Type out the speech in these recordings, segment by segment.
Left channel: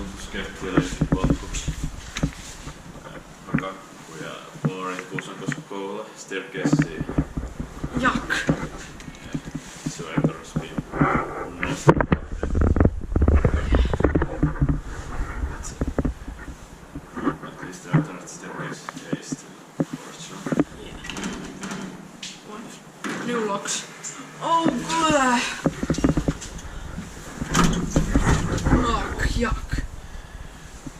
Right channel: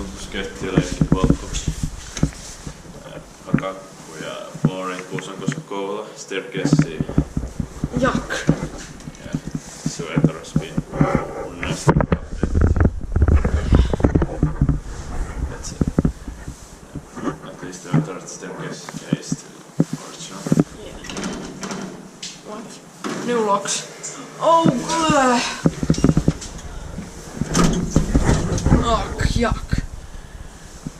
Kuusankoski ja leikkipolku. Hakakuja flooring Kuusankoski Kouvola. Staircase. Jak. Ja Hissiurakointi spin. Modernised. That's at least the third staircase is still original. Yeah. What? New locks. Oh, ugh. Yuck.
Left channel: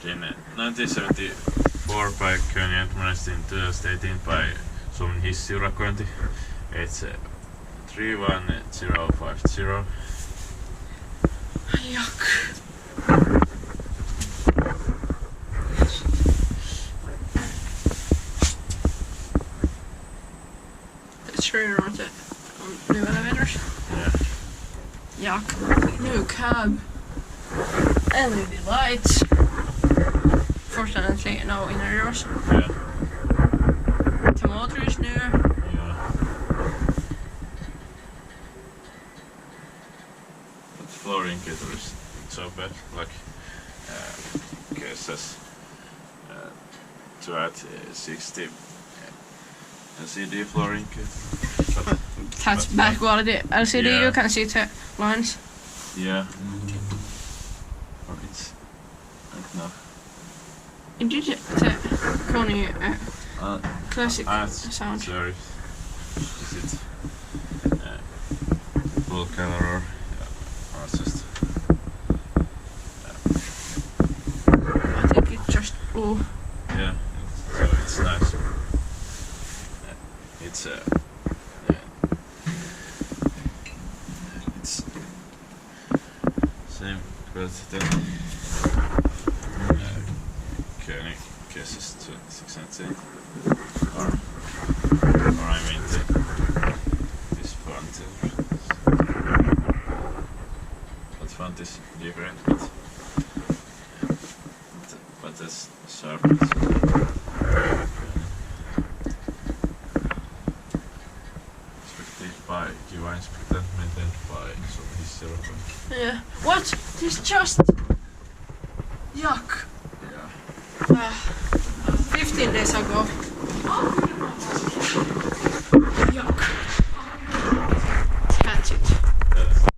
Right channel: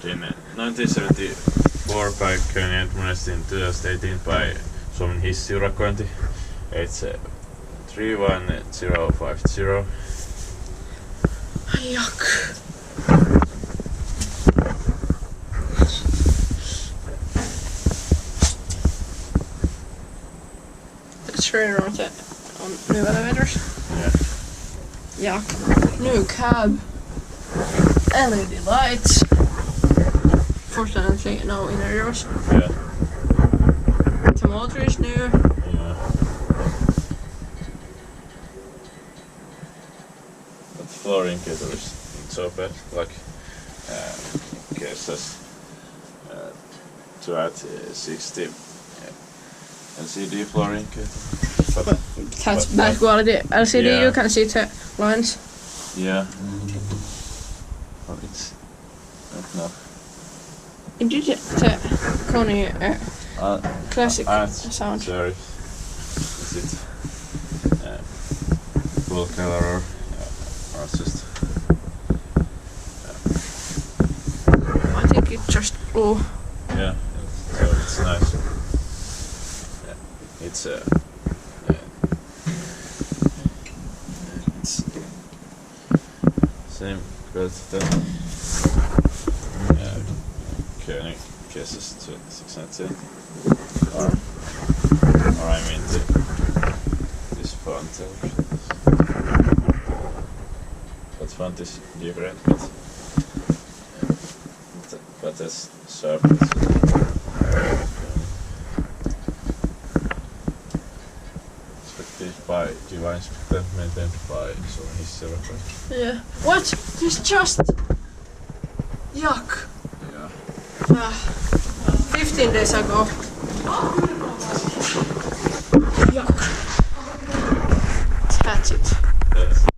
In 1974 by Kone and Modernised in 2018 by Suomen Hissiurakointi. It's 3.1050. Yuck. That's right on new elevators. Yeah. Yuck. New cab. LED lights. Fortunately, no innerdoors. Yeah. The motor is new. Yeah. But the floor indicator is not so bad. Like, cases to add 60 LCD floor indicator. But That's bad quality LCD. Yeah. You can see the lines. yeah. Well, it's not enough. Did you get the Kone classic sound? Sorry. Is it full color or just? I think it's just blue. Yeah, so it's nice. It's it's same quality that Kone cases to 6 and 10. Or I mean this font. That font is different, but that's sharp. Expected by Elspecta, maintained by Suomen Hissiurakointi. Yeah. What? This just. Yuck. Yeah. 15 days ago. Yuck. That's it.